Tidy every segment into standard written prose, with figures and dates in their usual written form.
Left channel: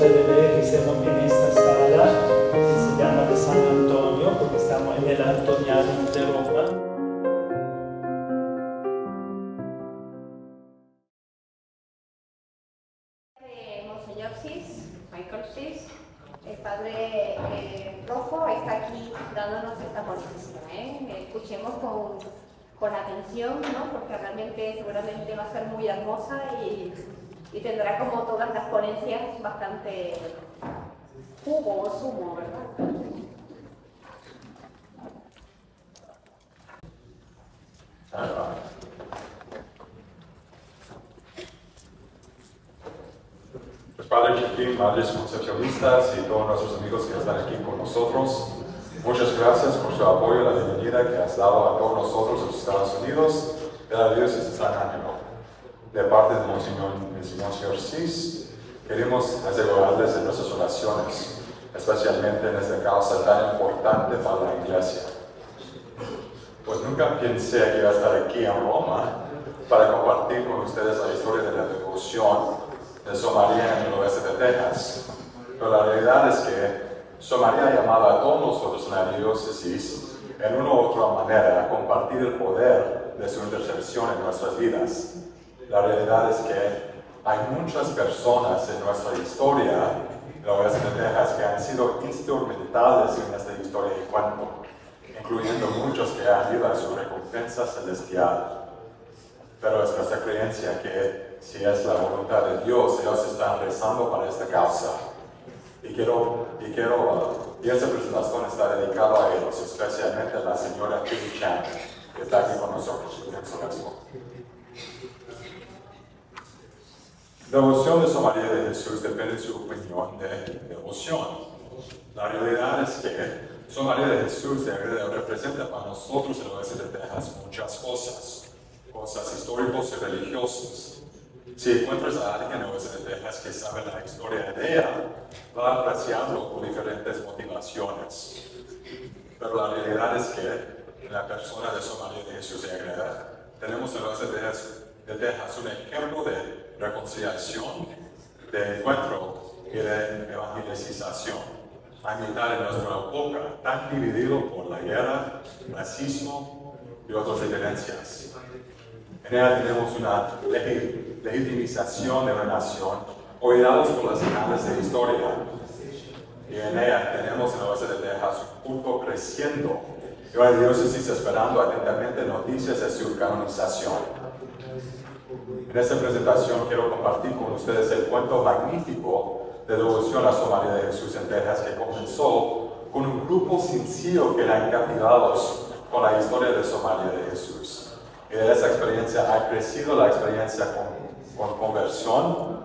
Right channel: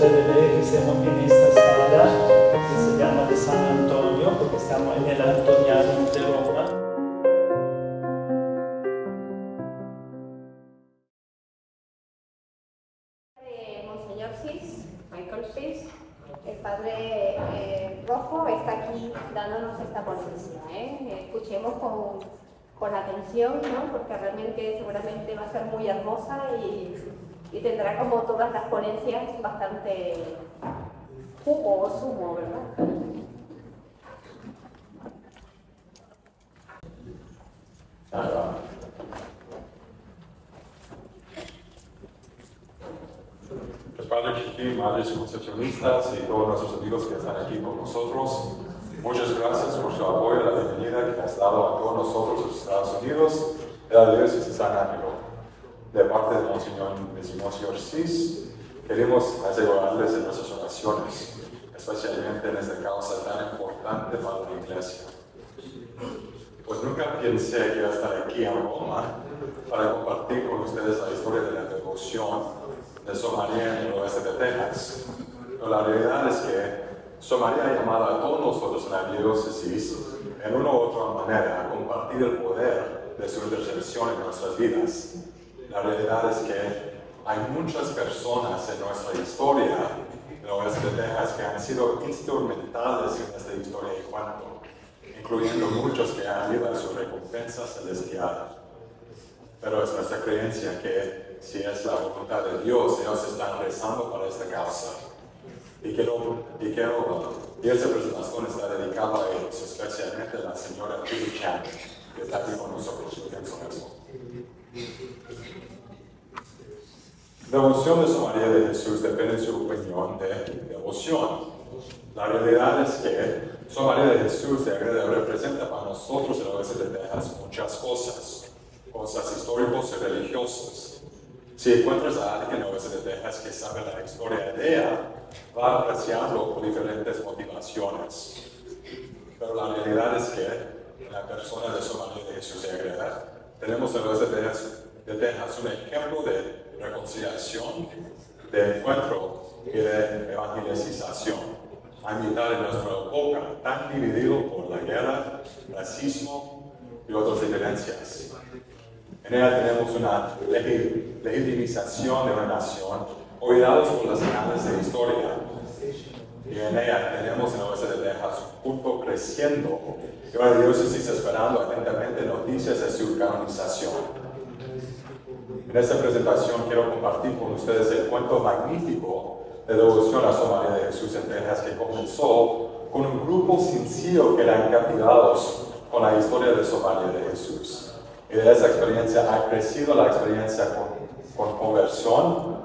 ustedes que estemos en esta sala que se llama de San Antonio, porque estamos en el Antoniano de Roma. Monseñor Cis, Michael Cis, el Padre Rojo está aquí dándonos esta ponencia. Escuchemos con atención, ¿no? Porque realmente seguramente va a ser muy hermosa y tendrá, como todas las ponencias, bastante jugo o zumo, ¿verdad? Padre Chiquín, Madres Concepcionistas y todos nuestros amigos que están aquí con nosotros, muchas gracias por su apoyo y la bienvenida que has dado a todos nosotros en los Estados Unidos de la Diócesis de San Ángelo. De parte de Monseñor Cis, queremos asegurarles en nuestras oraciones, especialmente en esta causa tan importante para la Iglesia. Pues nunca pensé que iba a estar aquí en Roma para compartir con ustedes la historia de la devoción de Sor María en el oeste de Texas. Pero la realidad es que Sor María ha llamado a todos nosotros en la diócesis en una u otra manera a compartir el poder de su intercesión en nuestras vidas. La realidad es que hay muchas personas en nuestra historia en el oeste de Texas que han sido instrumentales en esta historia de cuento, incluyendo muchos que han ido a su recompensa celestial. Pero es nuestra creencia que si es la voluntad de Dios, ellos están rezando para esta causa. Y esta presentación está dedicada a ellos, especialmente a la señora Philly Chan, que está aquí con nosotros. La devoción de Sor María de Jesús depende de su opinión de devoción. La realidad es que Sor María de Jesús representa para nosotros en el oeste de Texas muchas cosas históricas y religiosas. Si encuentras a alguien en el oeste de Texas que sabe la historia de ella, va a apreciarlo por diferentes motivaciones. Pero la realidad es que en la persona de Sor María de Jesús tenemos en el oeste de Texas un ejemplo de reconciliación, de encuentro y de evangelización. A mitad de nuestra época, tan dividido por la guerra, racismo y otras diferencias. En ella tenemos una legitimización de una nación, olvidados por las señales de historia. Y en ella tenemos en el oeste de Texas un culto creciendo y una diócesis esperando atentamente noticias de su canonización. En esta presentación quiero compartir con ustedes el cuento magnífico de devoción a Sor María de Jesús en Texas, que comenzó con un grupo sencillo que eran captivados con la historia de Sor María de Jesús. Y de esa experiencia ha crecido la experiencia con conversión,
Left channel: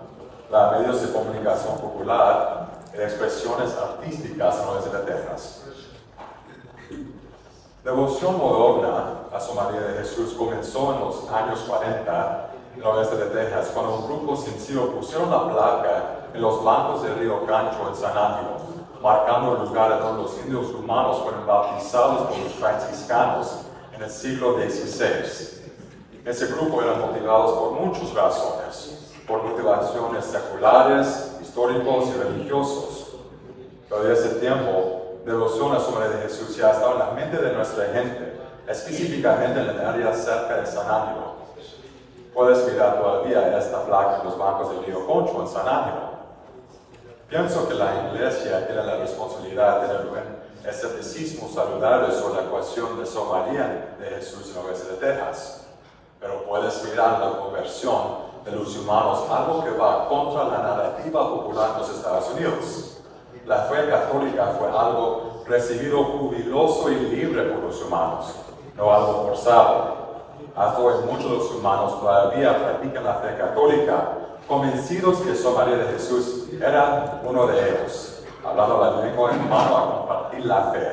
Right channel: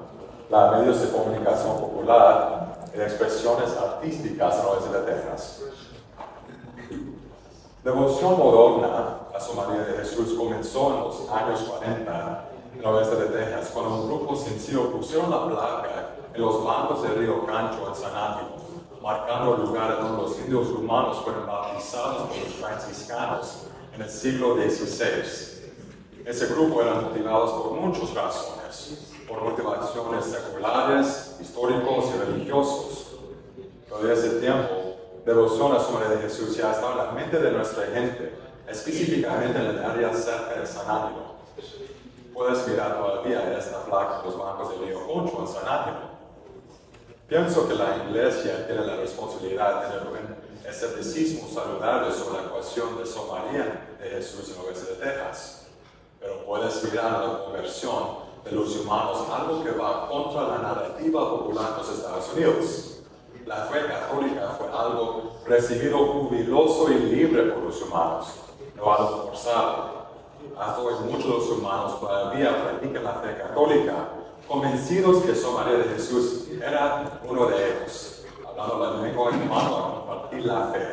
los medios de comunicación popular y expresiones artísticas en el oeste de Texas. Devoción moderna a Sor María de Jesús comenzó en los años 40 en el oeste de Texas, cuando un grupo sencillo pusieron la placa en los bancos del río Gancho en San Ángelo, marcando el lugar donde los indios humanos fueron bautizados por los franciscanos en el siglo XVI. Ese grupo era motivados por muchas razones, por motivaciones seculares, históricos y religiosos. Pero desde ese tiempo, devoción a Sor María de Jesús ya estaba en la mente de nuestra gente, específicamente en el área cerca de San Ángelo. Puedes mirar todavía esta placa en los bancos del río Concho en San Ángelo. Pienso que la Iglesia tiene la responsabilidad de tener un escepticismo saludable sobre la ecuación de Sor María de Jesús en el oeste de Texas. Pero puedes mirar la conversión de los humanos, algo que va contra la narrativa popular en los Estados Unidos. La fe católica fue algo recibido jubiloso y libre por los humanos, no algo forzado. Hasta hoy muchos de los humanos todavía practican la fe católica, convencidos que Sor María de Jesús era uno de ellos, hablando la lengua en mano a compartir la fe.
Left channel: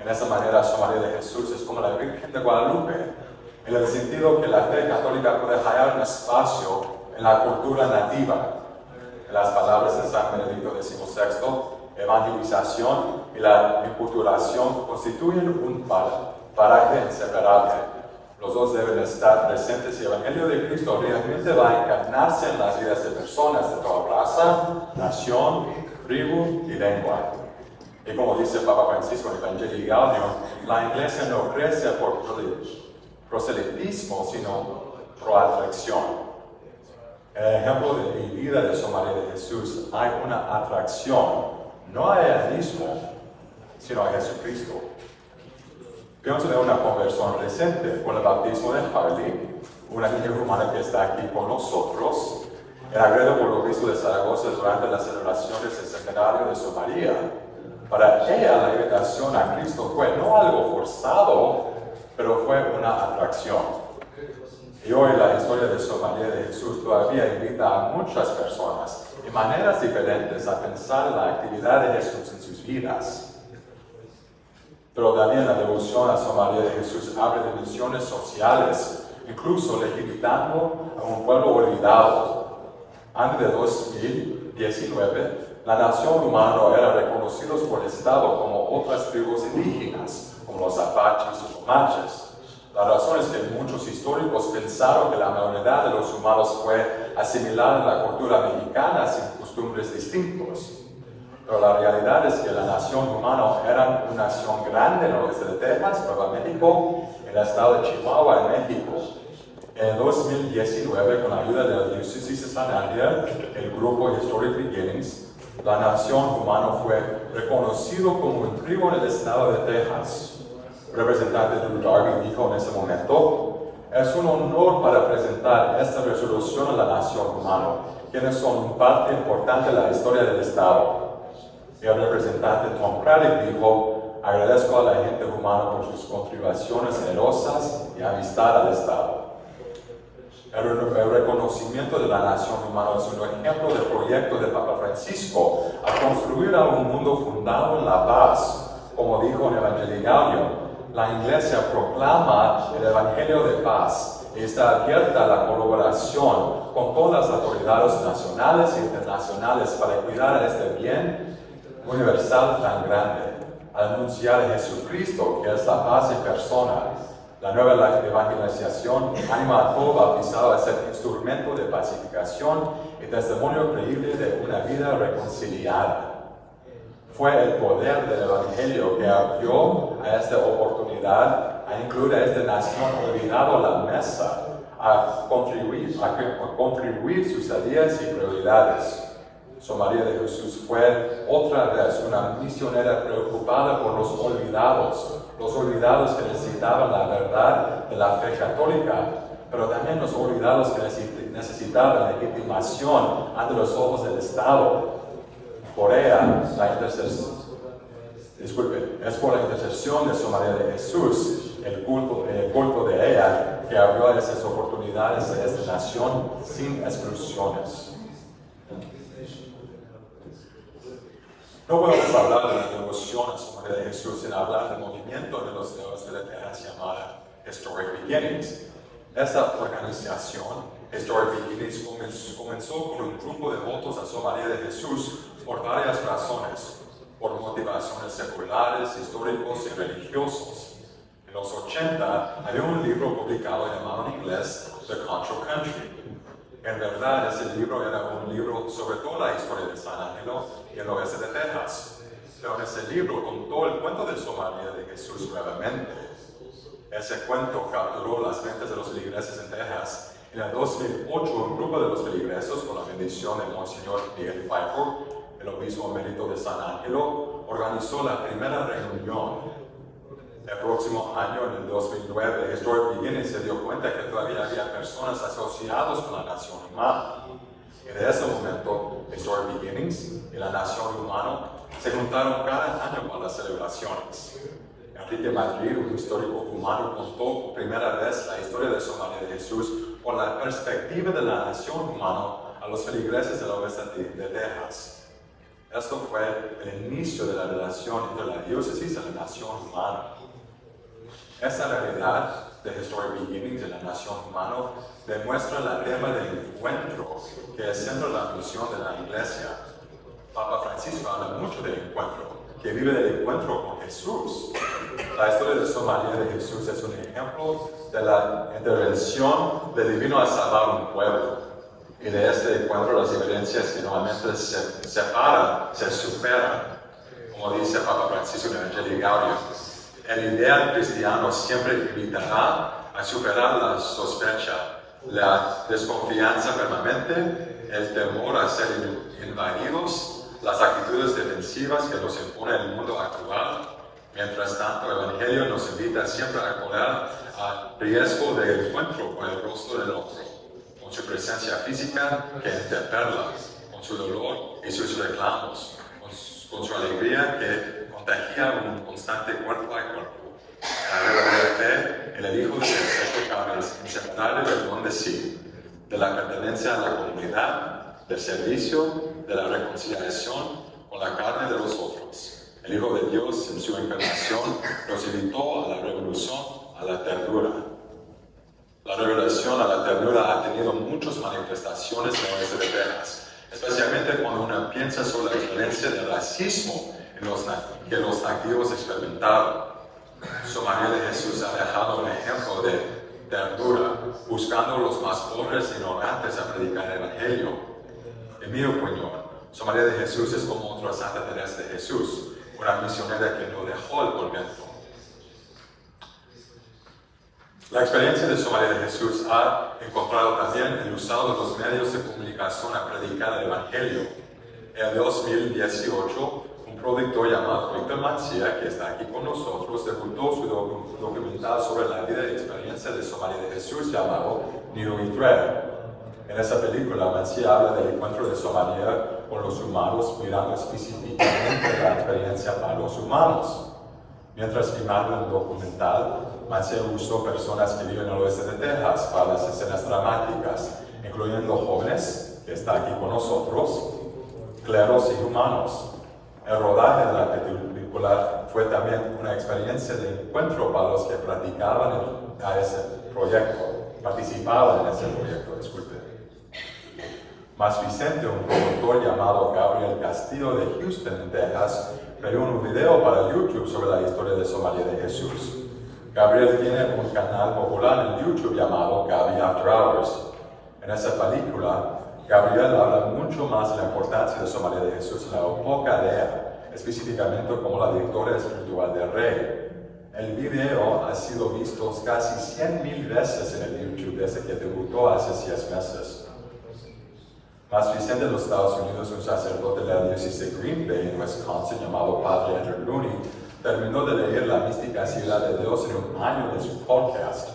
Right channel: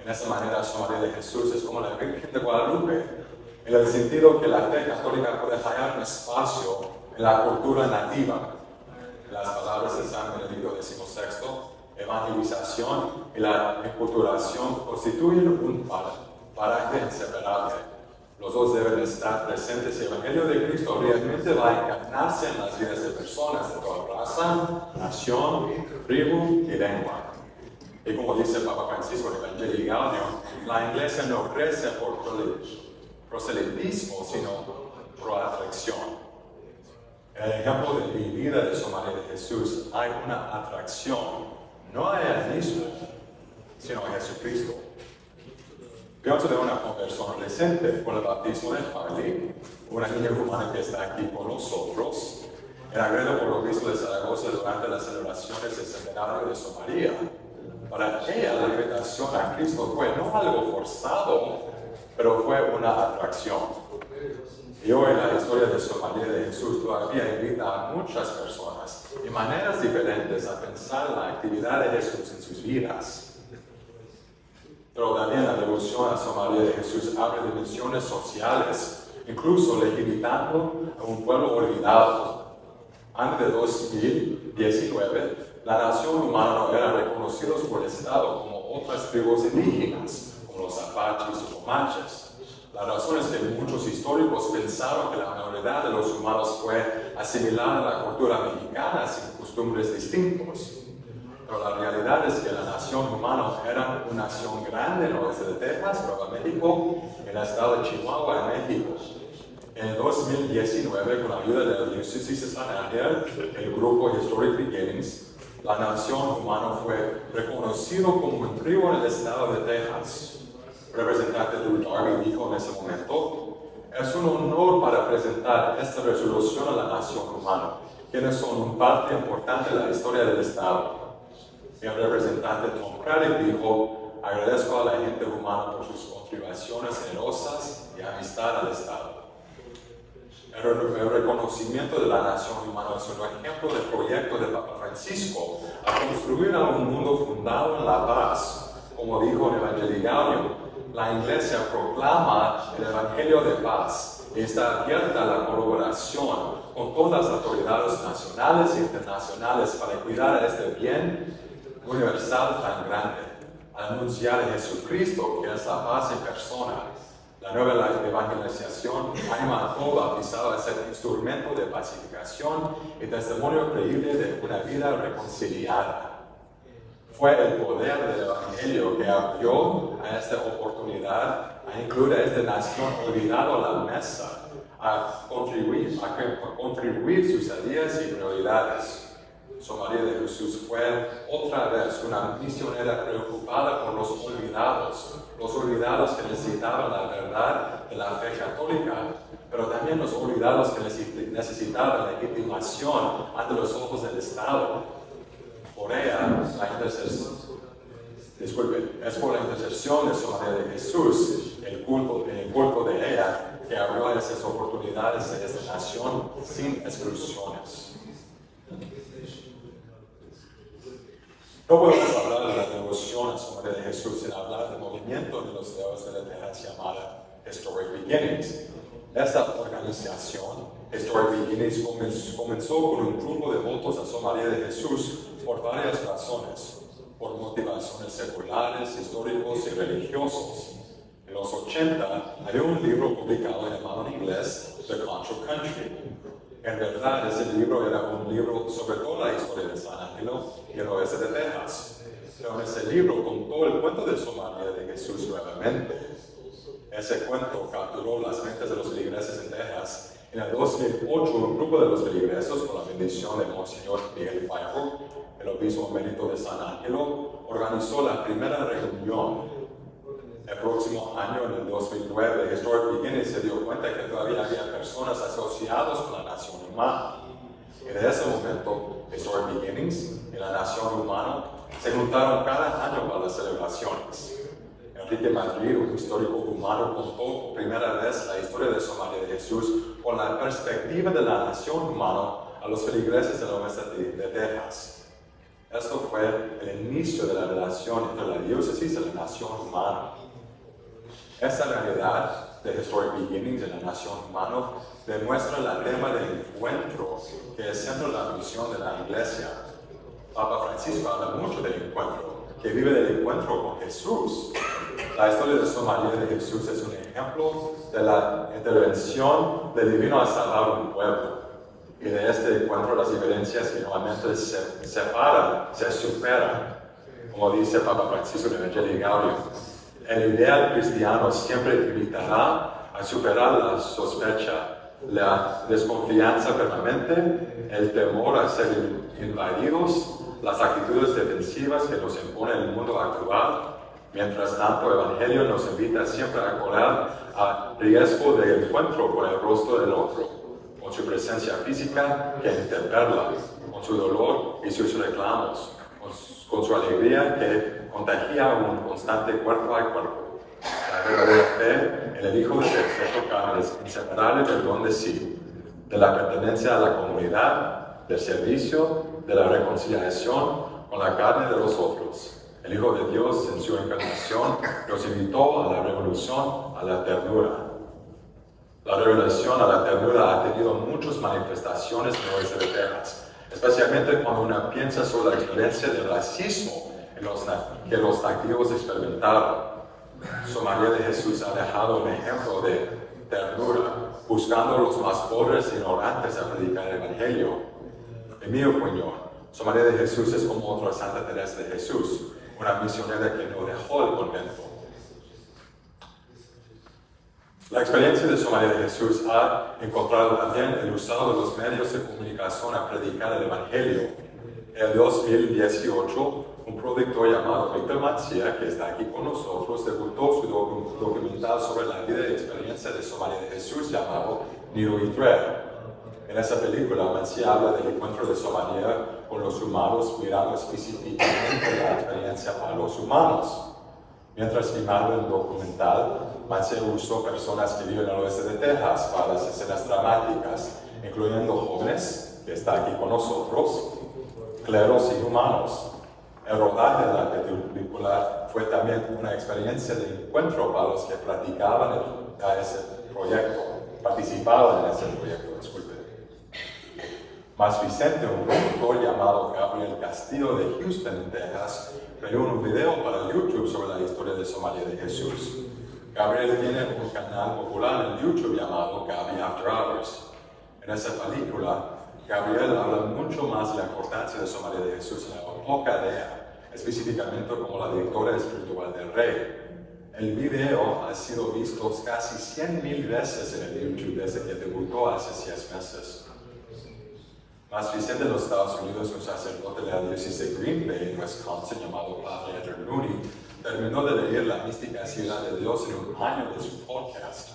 En esa manera, Sor María de Jesús es como la Virgen de Guadalupe, en el sentido que la fe católica puede hallar un espacio en la cultura nativa. En las palabras de San Benedicto XVI, evangelización y la enculturación constituyen un paraje inseparable. Los dos deben estar presentes y el Evangelio de Cristo realmente va a encarnarse en las vidas de personas de toda raza, nación, tribu y lengua. Y como dice Papa Francisco en Evangelii Gaudium, la iglesia no crece por proselitismo, sino por atracción. En el ejemplo de mi vida de Sor María de Jesús hay una atracción, no a ella misma, sino a Jesucristo. Pienso de una conversión reciente con el bautismo de Harley, una niña rumana que está aquí con nosotros, el agredo por el obispo de Zaragoza durante las celebraciones del centenario de Sor María. Para ella la invitación a Cristo fue no algo forzado, pero fue una atracción. Y hoy la historia de Sor María de Jesús todavía invita a muchas personas de maneras diferentes a pensar en la actividad de Jesús en sus vidas. Pero también la devoción a Sor María de Jesús abre dimensiones sociales, incluso legitimando a un pueblo olvidado. Antes de 2019, la nación humana no era reconocida por el Estado como otras tribus indígenas, como los apaches o comanches. La razón es que muchos históricos pensaron que la mayoría de los humanos fue asimilada a la cultura mexicana sin costumbres distintos. Pero la realidad es que la nación humana era una nación grande en el oeste de Texas, Nuevo México, en el estado de Chihuahua, en México. En 2019, con la ayuda de la diócesis de San Ángel, el grupo Historic Beginnings, la nación humana fue reconocido como un tribu en el estado de Texas. Representante Drew Darby dijo en ese momento, es un honor para presentar esta resolución a la nación humana, quienes son una parte importante de la historia del Estado. Y el representante Tom Craddock dijo, agradezco a la gente humana por sus contribuciones generosas y amistad al Estado. El reconocimiento de la nación humana es un ejemplo del proyecto de Papa Francisco a construir un mundo fundado en la paz. Como dijo en Evangelii Gaudium, la Iglesia proclama el Evangelio de paz y está abierta a la colaboración con todas las autoridades nacionales e internacionales para cuidar este bien universal tan grande, al anunciar a Jesucristo, que es la paz en persona. La nueva evangelización anima a todo bautizado a ser instrumento de pacificación y testimonio creíble de una vida reconciliada. Fue el poder del Evangelio que abrió a esta oportunidad a incluir a esta nación olvidada a la mesa, a contribuir sus ideas y prioridades. Sor María de Jesús fue otra vez una misionera preocupada por los olvidados que necesitaban la verdad de la fe católica, pero también los olvidados que necesitaban legitimación ante los ojos del Estado. Por ella, es por la intercesión de Sor María de Jesús, el culto de ella, que abrió esas oportunidades a esta nación sin exclusiones. No podemos hablar de la devoción a Sor María de Jesús sin hablar del movimiento de los dedos de la tierra llamada Historic Beginnings. Esta organización, Historic Beginnings, comenzó con un grupo de devotos a Sor María de Jesús por varias razones, por motivaciones seculares, históricos y religiosos. En los 80 había un libro publicado llamado en inglés The Contra Country. En verdad, ese libro era un libro sobre toda la historia de San Ángelo y el oeste de Texas. Pero en ese libro contó el cuento de Sor María de Jesús nuevamente. Ese cuento capturó las mentes de los feligreses en Texas. En el 2008, un grupo de los feligreses, con la bendición de Monseñor Miguel Pfeiffer, el obispo emérito de San Ángelo, organizó la primera reunión. El próximo año, en el 2009, Historic Beginnings se dio cuenta que todavía había personas asociadas con la nación humana. Y de ese momento, Historic Beginnings y la nación humana se juntaron cada año para las celebraciones. Enrique Madrid, un histórico humano, contó por primera vez la historia de Sor María de Jesús con la perspectiva de la nación humana a los feligreses del oeste de Texas. Esto fue el inicio de la relación entre la diócesis y la nación humana. Esta realidad de Historic Beginnings en la nación humana demuestra el tema del encuentro que es siempre la misión de la Iglesia. Papa Francisco habla mucho del encuentro. que vive del encuentro con Jesús. La historia de Samaria de Jesús es un ejemplo de la intervención del divino a salvar un pueblo. Y de este encuentro las diferencias que normalmente se separan, se superan. Como dice Papa Francisco en Evangelii Gaudium, el ideal cristiano siempre invitará a superar la sospecha, la desconfianza permanente, el temor a ser invadidos, las actitudes defensivas que nos impone el mundo actual. Mientras tanto, el Evangelio nos invita siempre a correr a riesgo de encuentro con el rostro del otro, con su presencia física que interpela, con su dolor y sus reclamos, con su alegría que contagia un constante cuerpo a cuerpo. La verdadera fe en el Hijo de perfecto carne es inseparable del don de sí, de la pertenencia a la comunidad, del servicio, de la reconciliación con la carne de los otros. El Hijo de Dios en su encarnación nos invitó a la revolución, a la ternura. La revelación a la ternura ha tenido muchas manifestaciones en el oeste de Texas, especialmente cuando uno piensa sobre la experiencia del racismo que los nativos experimentaron. Samaria de Jesús ha dejado un ejemplo de ternura, buscando a los más pobres e ignorantes a predicar el Evangelio. En mi opinión, Samaria de Jesús es como otra Santa Teresa de Jesús, una misionera que no dejó el convento. La experiencia de Samaria de Jesús ha encontrado también el usado de los medios de comunicación a predicar el Evangelio. En 2018, un productor llamado Víctor Mancía, que está aquí con nosotros, debutó su documental sobre la vida y experiencia de Samaria de Jesús llamado Nido y Thread. En esa película, Mancía habla del encuentro de Samaria con los humanos, mirando específicamente la experiencia para los humanos. Mientras filmaba el documental, Mancía usó personas que viven al oeste de Texas para las escenas dramáticas, incluyendo jóvenes, que está aquí con nosotros, cleros y humanos. El rodaje de la película fue también una experiencia de encuentro para los que participaban en ese proyecto. Más Vicente, un productor llamado Gabriel Castillo de Houston, en Texas, creó un video para YouTube sobre la historia de Samaria de Jesús. Gabriel tiene un canal popular en YouTube llamado Gaby After Hours. En esa película, Gabriel habla mucho más de la importancia de Samaria de Jesús en la época de él, específicamente como la directora espiritual del rey. El video ha sido visto casi 100,000 veces en el YouTube desde que debutó hace 6 meses. Más reciente en los Estados Unidos, un sacerdote de la diócesis de Green Bay, en Wisconsin, llamado Padre Andrew Looney, terminó de leer La mística ciudad de Dios en un año de su podcast.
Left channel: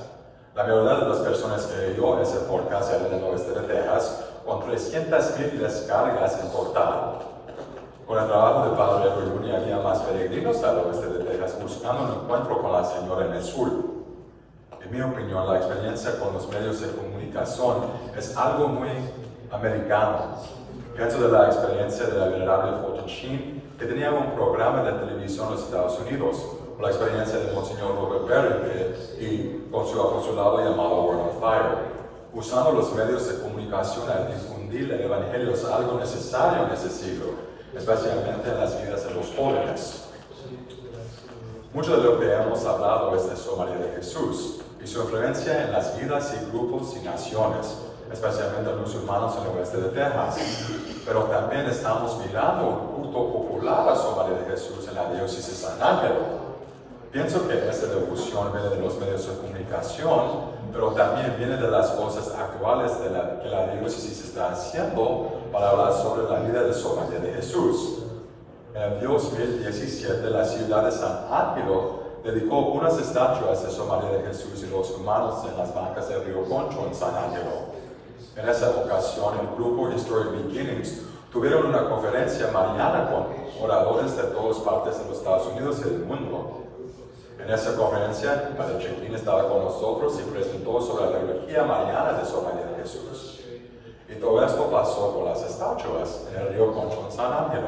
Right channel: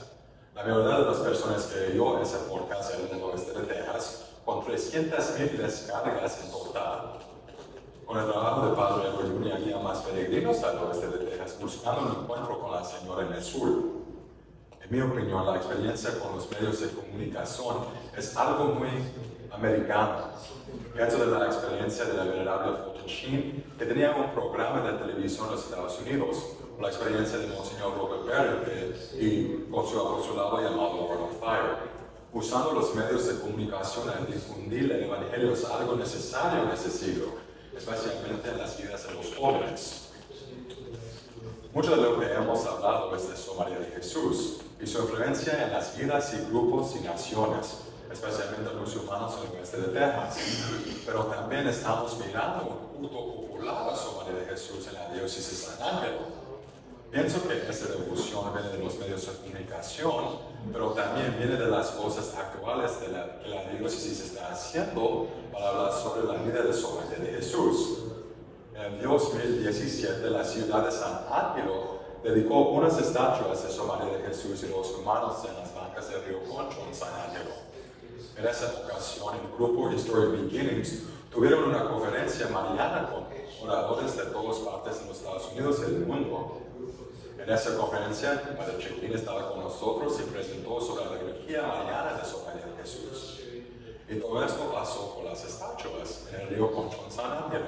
La mayoría de las personas que oyó ese podcast eran del oeste de Texas, con 300,000 descargas en total. Con el trabajo del Padre Andrew Looney había más peregrinos al oeste de Texas buscando un encuentro con la Señora en el sur. En mi opinión, la experiencia con los medios de comunicación es algo muy americano. Pienso de la experiencia de la venerable Fulton Sheen, que tenía un programa de televisión en los Estados Unidos, o la experiencia de Monseñor Robert Barrett y con su apostolado llamado World on Fire. Usando los medios de comunicación a difundir el Evangelio es algo necesario en ese siglo, especialmente en las vidas de los jóvenes. Mucho de lo que hemos hablado es de Samaria de Jesús y su influencia en las vidas y grupos y naciones, especialmente los humanos en el oeste de Texas. Pero también estamos mirando un culto popular a Samaria de Jesús en la diócesis de San Ángelo. Pienso que esa devoción viene de los medios de comunicación, pero también viene de las cosas actuales que la diócesis está haciendo para hablar sobre la vida de Samaria de Jesús. En 2017, la ciudad de San Ángelo dedicó unas estatuas de Samaria de Jesús y los humanos en las bancas del río Concho en San Ángelo. En esa ocasión, el grupo Historic Beginnings tuvieron una conferencia mariana con oradores de todas partes de los Estados Unidos y del mundo. En esa conferencia, el Padre Checklin estaba con nosotros y presentó sobre la teología mariana de Samaria de Jesús. Y todo esto pasó con las estatuas en el río Concho en San Ángelo.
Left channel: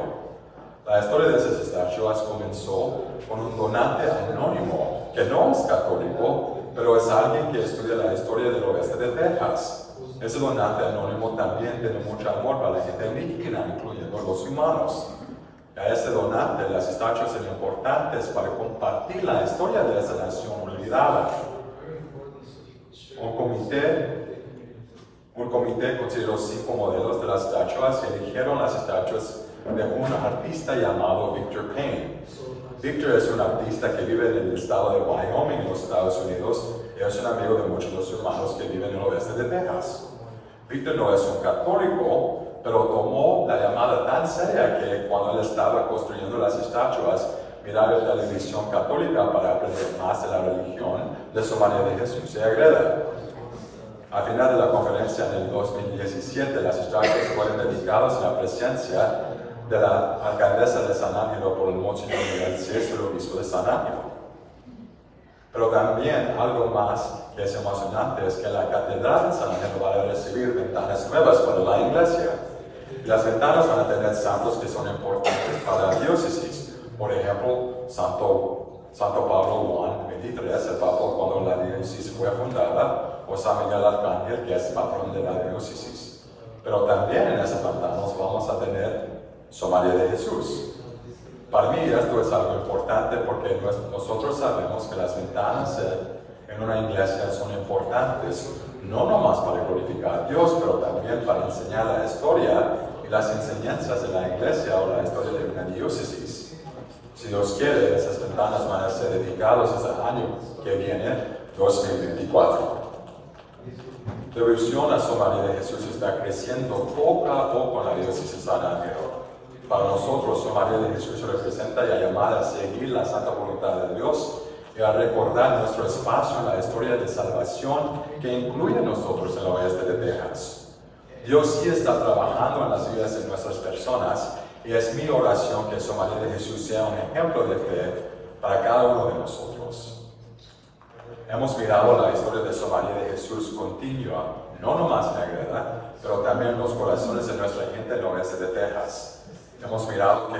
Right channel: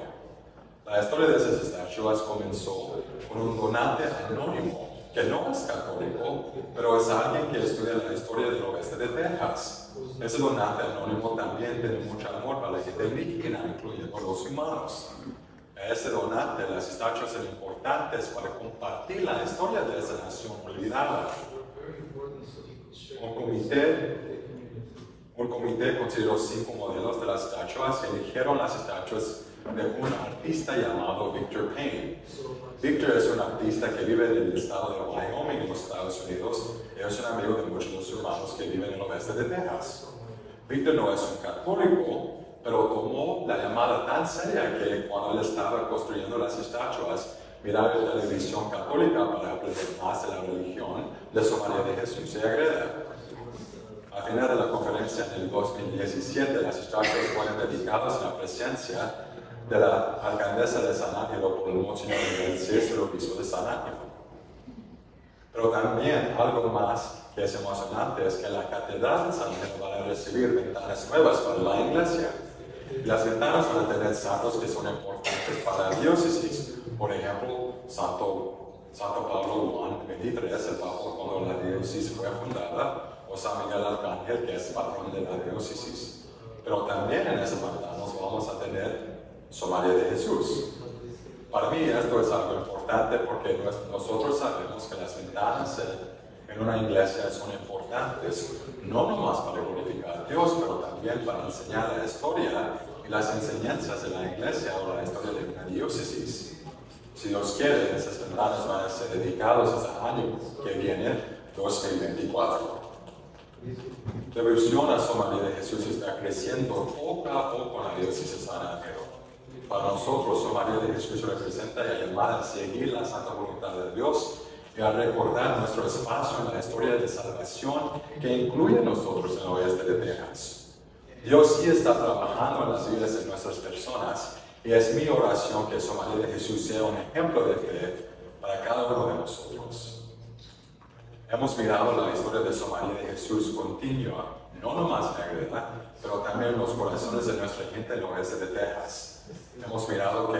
La historia de esas estatuas comenzó con un donante anónimo que no es católico, pero es alguien que estudia la historia del oeste de Texas. Ese donante anónimo también tiene mucho amor para la gente indígena, incluyendo los humanos. A ese donante, las estatuas eran importantes para compartir la historia de esa nación olvidada. Un comité consideró 5 modelos de las estatuas y eligieron las estatuas de un artista llamado Victor Payne. Victor es un artista que vive en el estado de Wyoming, en los Estados Unidos, y es un amigo de muchos de los hermanos que viven en el oeste de Texas. Victor no es un católico, pero tomó la llamada tan seria que cuando él estaba construyendo las estatuas, miraba la televisión católica para aprender más de la religión de su María de Jesús y Agreda. Al final de la conferencia en el 2017, las estatuas fueron dedicadas a la presencia de la alcaldesa de San Ángelo por el Monseñor Miguel Cés, el obispo de San Ángelo. Pero también algo más que es emocionante es que la catedral de San Ángelo va a recibir ventanas nuevas para la iglesia. Y las ventanas van a tener santos que son importantes para la diócesis. Por ejemplo, Santo Pablo Juan XXIII, el Papa cuando la diócesis fue fundada, o San Miguel Arcángel, que es patrón de la diócesis. Pero también en esas ventanas vamos a tener Sor María de Jesús. Para mí esto es algo importante porque nosotros sabemos que las ventanas en una iglesia son importantes, no nomás para glorificar a Dios, pero también para enseñar la historia y las enseñanzas de la iglesia o la historia de una diócesis. Si Dios quiere, esas ventanas van a ser dedicadas ese año que viene, 2024. La devoción a Sor María de Jesús está creciendo poco a poco en la diócesis de San Ángelo. Para nosotros, Sor María de Jesús representa la llamada a seguir la santa voluntad de Dios y a recordar nuestro espacio en la historia de salvación que incluye a nosotros en el oeste de Texas. Dios sí está trabajando en las vidas de nuestras personas y es mi oración que Sor María de Jesús sea un ejemplo de fe para cada uno de nosotros. Hemos mirado la historia de Sor María de Jesús continua, no nomás en Agreda, pero también en los corazones de nuestra gente en el oeste de Texas. Hemos mirado que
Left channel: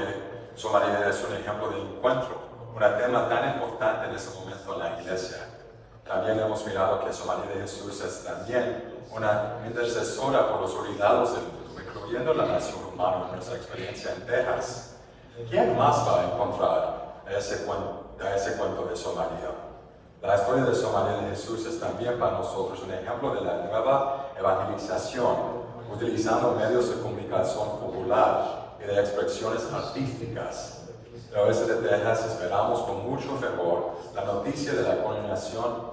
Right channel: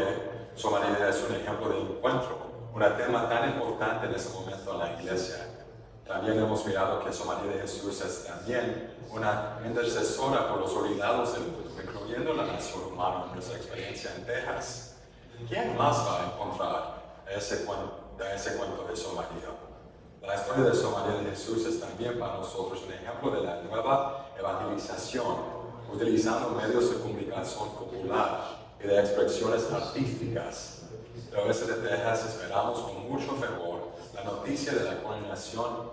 Sor María es un ejemplo de encuentro, un tema tan importante en ese momento en la iglesia. También hemos mirado que Sor María de Jesús es también una intercesora por los olvidados del mundo, incluyendo la nación humana en nuestra experiencia en Texas. ¿Quién más va a encontrar a ese cuento de Sor María? La historia de Sor María de Jesús es también para nosotros un ejemplo de la nueva evangelización, utilizando medios de comunicación popular y de expresiones artísticas. En el oeste de Texas esperamos con mucho fervor la noticia de la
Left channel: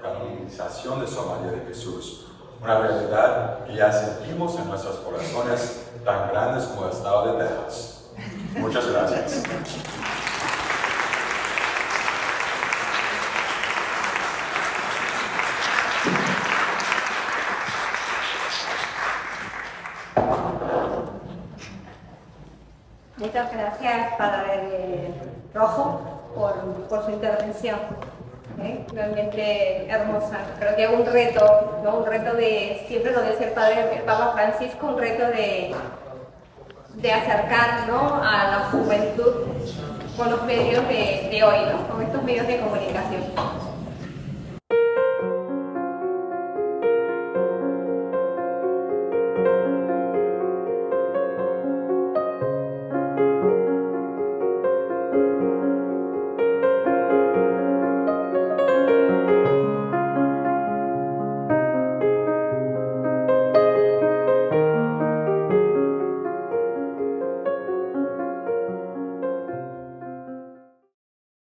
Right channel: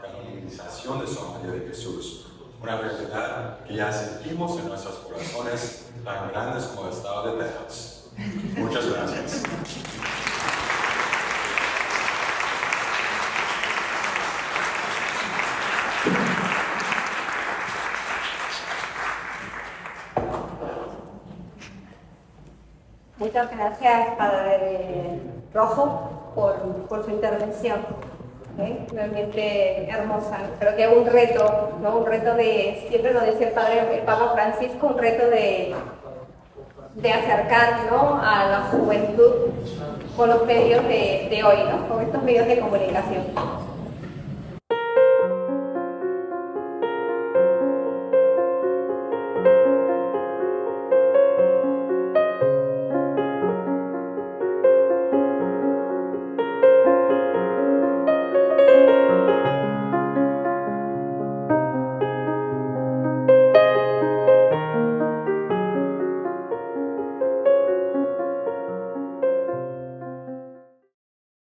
canonización de Sor María de Jesús, una realidad que ya sentimos en nuestros corazones tan grandes como el estado de Texas. Muchas gracias. Muchas gracias, Padre Rojo, por su intervención. Realmente hermosa. Creo que es un reto, ¿no? Un reto de, siempre nos dice el Papa Francisco, un reto de acercar, ¿no?, a la juventud con los medios de hoy, ¿no?, con estos medios de comunicación.